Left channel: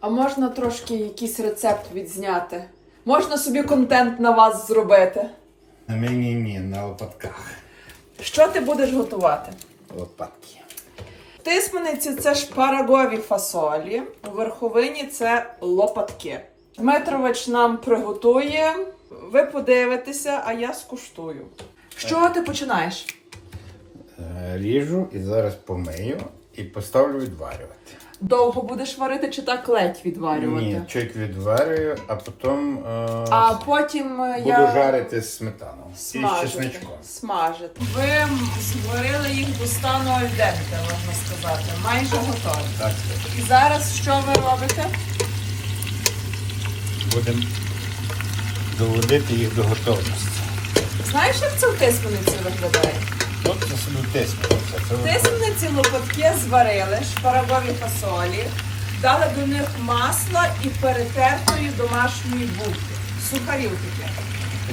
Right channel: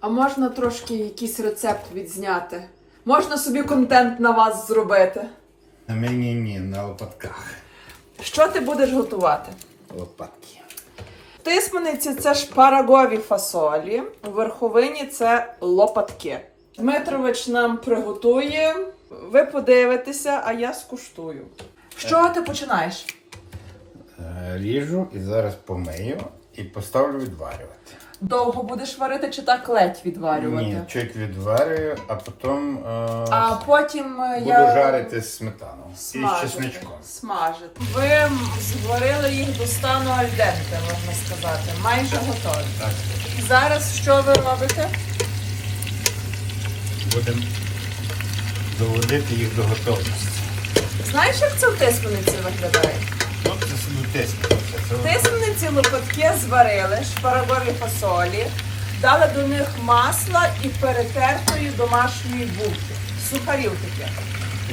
А можна трошки якийсь рецепт відзняти? Можна собі контент на вас зробити. На мені ні, на лопатках. Що ти будеш готувати? Лопатки. Тисмениці це шпарагові фасолі, у верховині це лопатки. Дмитрович нам приготує. Ви подивитеся, а я скуштую. З чого ти починаєш? Е, Ріжу і зараз помию і поставлю відварювати. Довго будеш варити чи так ледь відварювати? Ні, чуть відварюю, а потім е, А потім е, буду я жарити з сметаном і з смажити. чесничком. Смажити. Ви зварили їх до стану альденте, можна сказати. Майже готові. Так, І зараз що ви робите? будемо доводити їх до готовності. Знаєш, як це в тисмениці виглядає? От це собі тиснути. Тисмениці лопатки зварили, шпарагові фасолі, дали до них масла і перетертої домашньої булки. Сухарів таке.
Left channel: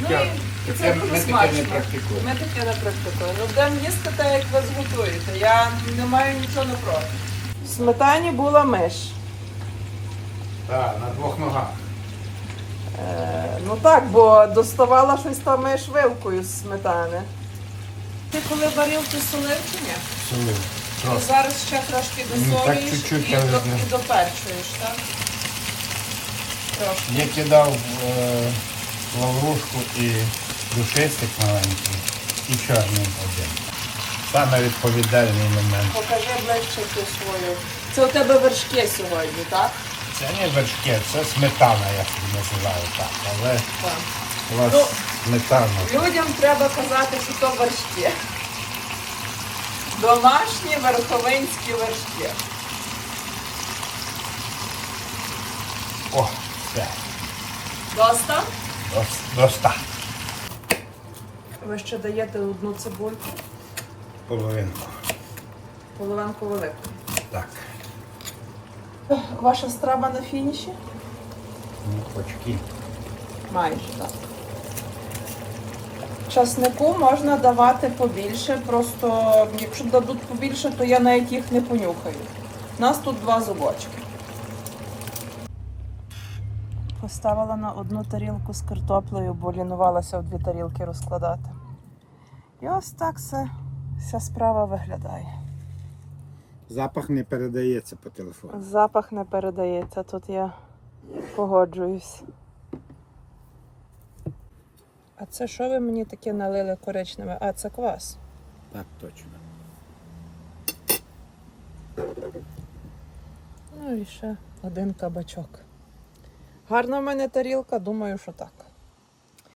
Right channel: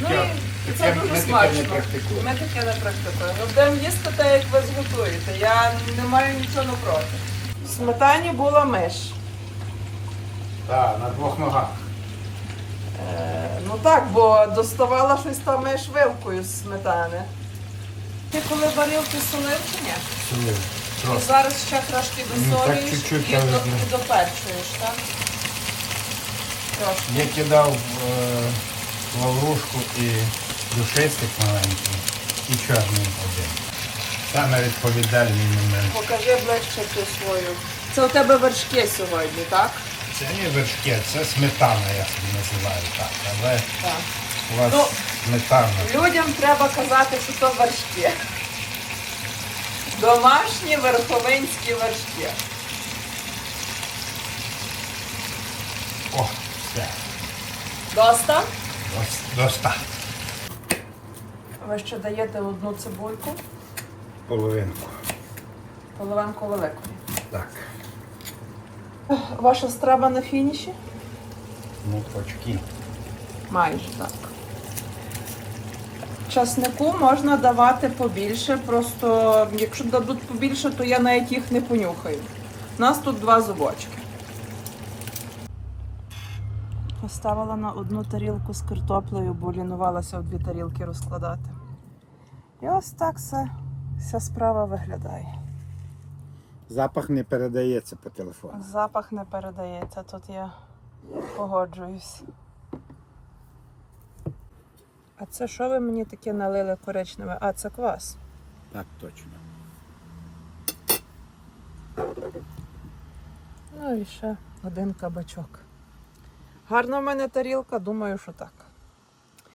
Ну і, і це таке- дуже ми смачно. практикуємо. Ми таке не практикуємо. Ну, Будемо їсти те, як ви зготуєте. Я не маю нічого напроти. В сметані була миш. Так, на двох ногах. Е, ну так, бо доставала щось там миш вилкою з сметани. Ти коли варив, ти солив чи ні? Солив. Ну, зараз ще трошки Ну, так чуть-чуть, і, до, і доперчуєш, так? Трошки. Я кидав е, лаврушку і душистик маленький, і чорний один. Саме відповідальний момент. Покажи ближче ту свою. Це у тебе вершки сьогодні, так? Це не вершки, це сметана, я собі називаю так. Але Так. у вас Ну, сметана. Людям треба казати, що то вершки. Домашні верховинські вершки. О, все. Доста? Дос- Доста. Ви ще даєте одну цибульку, Половинку. половинку велику. Так. Ваша страва на фініші? Ну, очки. Майже так. Часнику можна давати побільше, просто якщо дадуть побільше, то я навіть їх не понюхаю. У нас тут два зубочки. Поставила на одну тарілку з картоплею, бо лінувалася в дві тарілки розкладати. І ось так все, вся справа виглядає. Запах не передається по телефону. Запах не передається, тут я погоджуюсь. А це що ви мені таке налили коричневе? А, це квас. Так, точно. Ну і ще один кабачок. Гарна в мене тарілка, думаю, що так.